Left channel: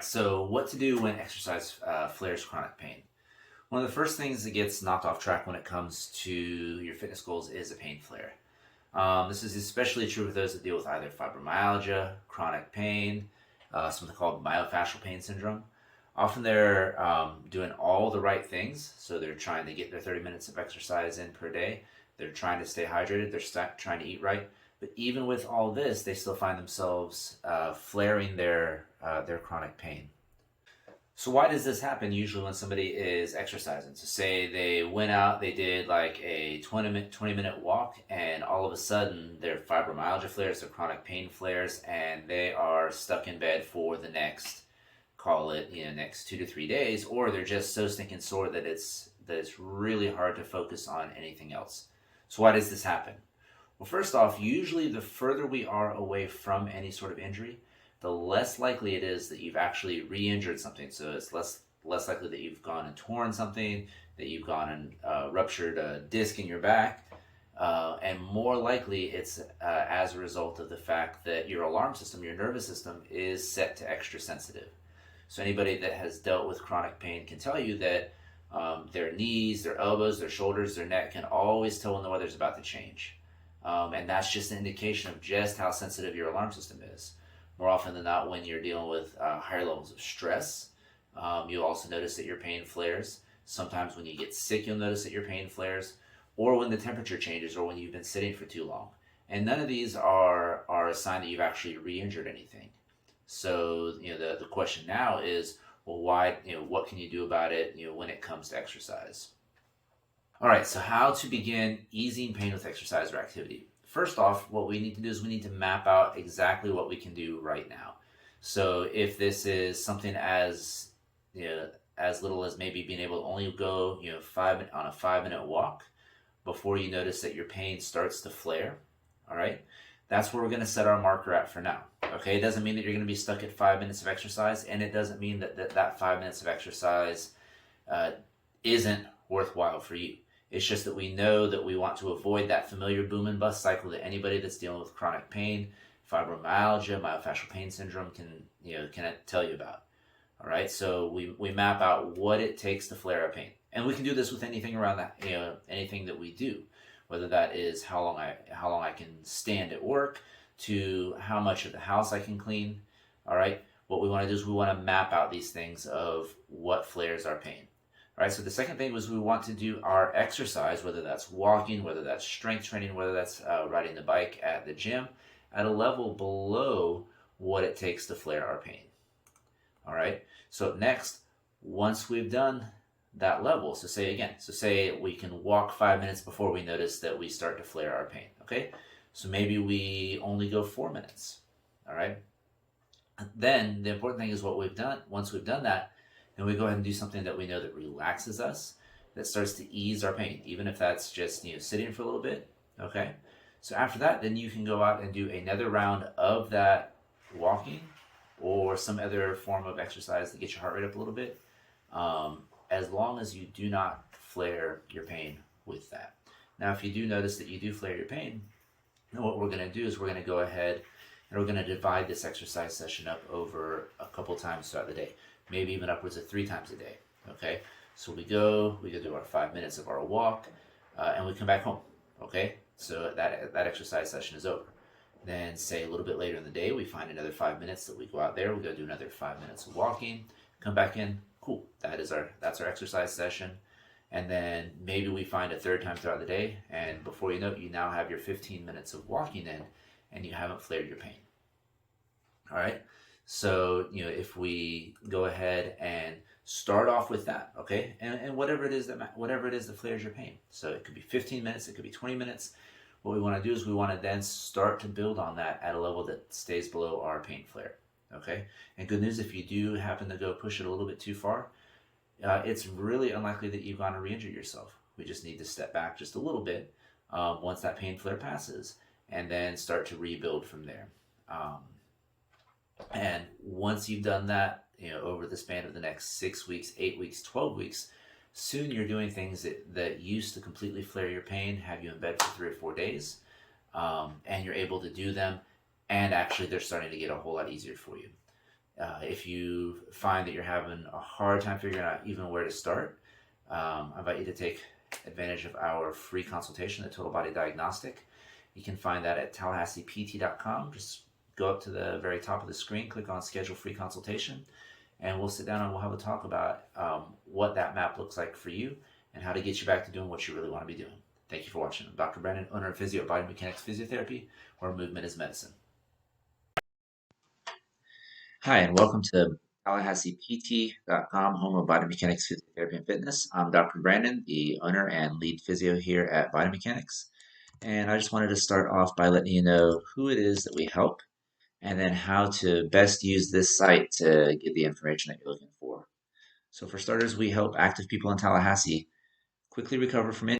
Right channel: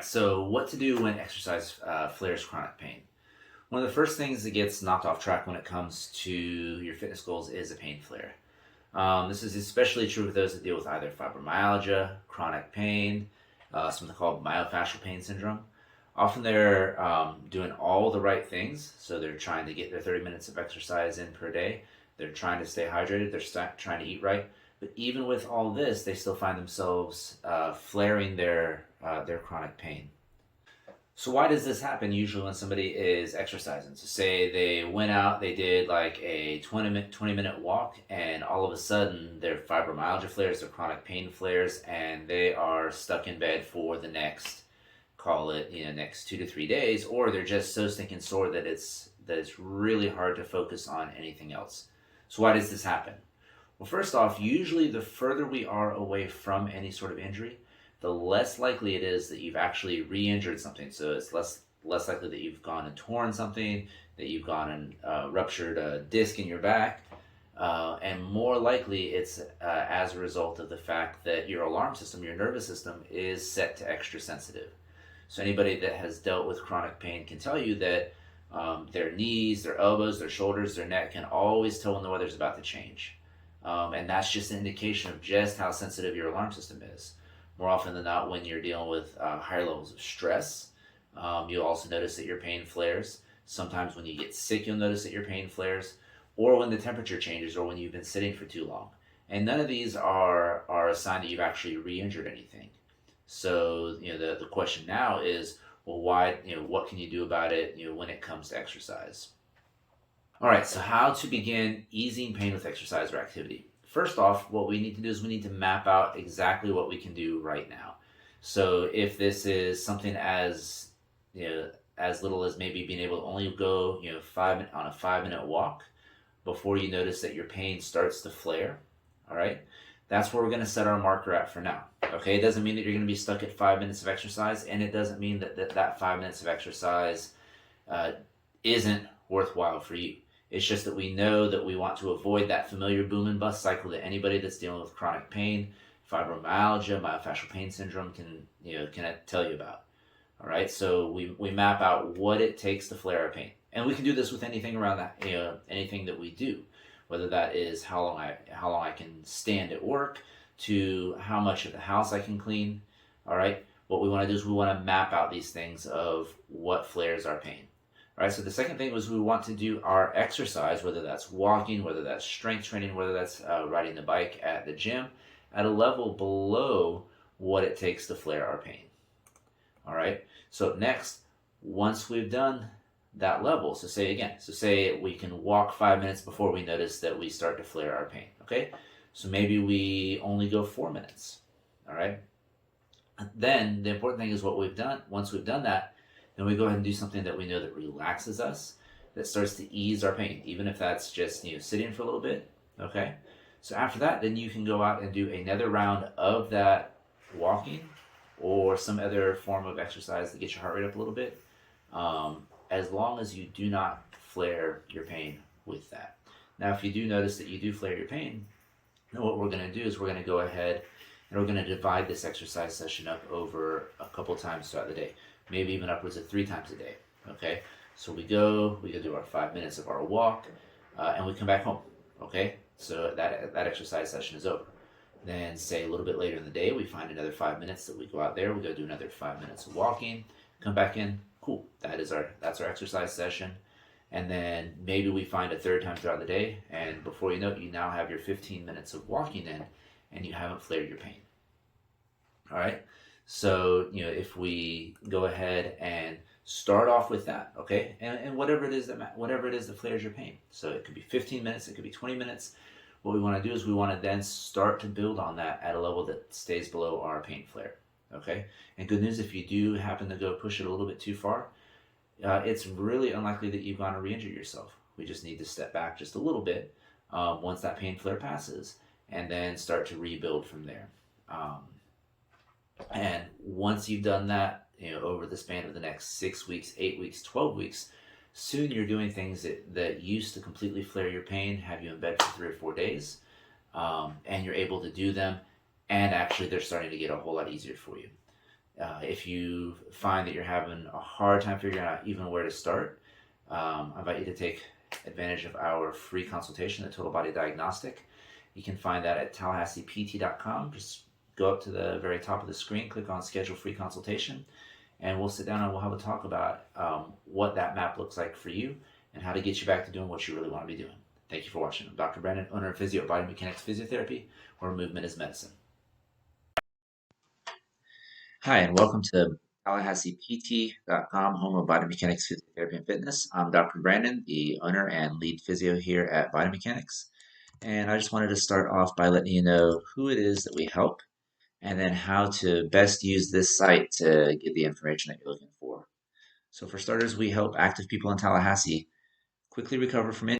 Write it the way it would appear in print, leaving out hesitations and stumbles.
right, so what to do when exercise flares chronic pain? One of the first things that gets knocked off track when it comes to your fitness goals is a pain flare. This is especially true with those that deal with either fibromyalgia, chronic pain, something called myofascial pain syndrome. Often they're doing all the right things, so they're trying to get their 30 minutes of exercise in per day. They're trying to stay hydrated, they're trying to eat right. But even with all this, they still find themselves flaring their chronic pain. So why does this happen usually when somebody is exercising? So say they went out, they did like a 20-minute walk, and all of a sudden their fibromyalgia flares, their chronic pain flares, and they are stuck in bed for the next, call it, next 2 to 3 days, or they're just so stinking sore that it's really hard to focus on anything else. So why does this happen? Well, first off, usually the further we are away from any sort of injury, the less likely it is that you've actually re-injured something. So it's less likely that you've gone and torn something, that you've gone and ruptured a disc in your back, and more likely it's as a result of the fact that your alarm system, your nervous system, is set to extra sensitive. So anybody that has dealt with chronic pain can tell you that their knees, their elbows, their shoulders, their neck can always tell when the weather's about to change. And that's just an indication of just how sensitive your alarm system is. More often than not, when you're dealing with higher levels of stress, you'll also notice that your pain flares. Sometimes when you get sick, you'll notice that your pain flares, or when the temperature changes, or when you've been sitting for too long. And none of these are a sign that you've actually re-injured anything. So, the question now is, well, why, what can you do about it, when it comes to exercise? All right, so how to begin easing pain with exercise or activity. First off, what we need to do is we need to map out exactly what we can do right now. So if this is something as little as maybe being able to only go on a 5-minute walk before you notice that your pain starts to flare, all right, that's where we're going to set our marker at for now. Okay, it doesn't mean that you're going to be stuck at 5 minutes of exercise, and it doesn't mean that 5 minutes of exercise isn't worthwhile for you. It's just that we know that we want to avoid that familiar boom and bust cycle that anybody that's dealing with chronic pain, fibromyalgia, myofascial pain syndrome can tell you about. All right, so we map out what it takes to flare a pain, and we can do this with anything around that, anything that we do, whether that is how long I can stand at work, to how much of the house I can clean. All right, what we want to do is we want to map out these things of what flares our pain. All right, so the second thing was we want to do our exercise, whether that's walking, whether that's strength training, whether that's riding the bike at the gym, at a level below what it takes to flare our pain. All right, so next, once we've done that level, so say we can walk 5 minutes before we notice that we start to flare our pain. Okay, so maybe we only go 4 minutes. All right, then the important thing is what we've done. Once we've done that, then we go ahead and do something that we know that relaxes us, that starts to ease our pain, even if that's just sitting for a little bit. Okay, so after that, then you can go out and do another round of that walking or some other form of exercise to get your heart rate up a little bit, as long as you do not flare your pain with that. Now, if you do notice that you do flare your pain, then what we're going to do is we're going to go ahead and we're going to divide this exercise session up over a couple times throughout the day, maybe even upwards of 3 times a day. Okay, so we go do our 5 minutes of our walk, and we come back home. Okay, so that exercise session is over. Then say a little bit later in the day, we find another 5 minutes that we go out there, we go do another 5 minutes of walking, come back in, cool, that's our exercise session. And then maybe we find a third time throughout the day, and before you know it, you now have your 15 minutes of walking in, and you haven't flared your pain. All right, so if we go ahead and start off with that, okay, and whatever it is that flares your pain. So it could be 15 minutes, it could be 20 minutes. What we want to do is we want to then start to build on that at a level that stays below our pain flare. Okay, and good news, if you do happen to go push it a little bit too far, it's really unlikely that you've gone to re-injure yourself. We just need to step back just a little bit once that pain flare passes, and then start to rebuild from there. And once you've done that, over the span of the next 6 weeks, 8 weeks, 12 weeks, soon you're doing things that used to completely flare your pain, have you in bed for 3 or 4 days, and you're able to do them, and actually they're starting to get a whole lot easier for you. If you find that you're having a hard time figuring out even where to start, I invite you to take advantage of our free consultation, the Total Body Diagnostic. You can find that at tallahasseept.com. Just go up to the very top of the screen, click on Schedule Free Consultation, and we'll sit down and we'll have a talk about what that map looks like for you and how to get you back to doing what you really want to be doing. Thank you for watching. I'm Dr. Brandon, owner of Physio at Biomechanics Physiotherapy, where movement is medicine. Hi, and welcome to TallahasseePT.com, home of Biomechanics Physiotherapy and Fitness. I'm Dr. Brandon, the owner and lead physio here at Biomechanics. And I just wanted to start off by letting you know who it is that we help and then how to best use this site to get the information that you're looking for. So for starters, we help active people in Tallahassee quickly recover from injury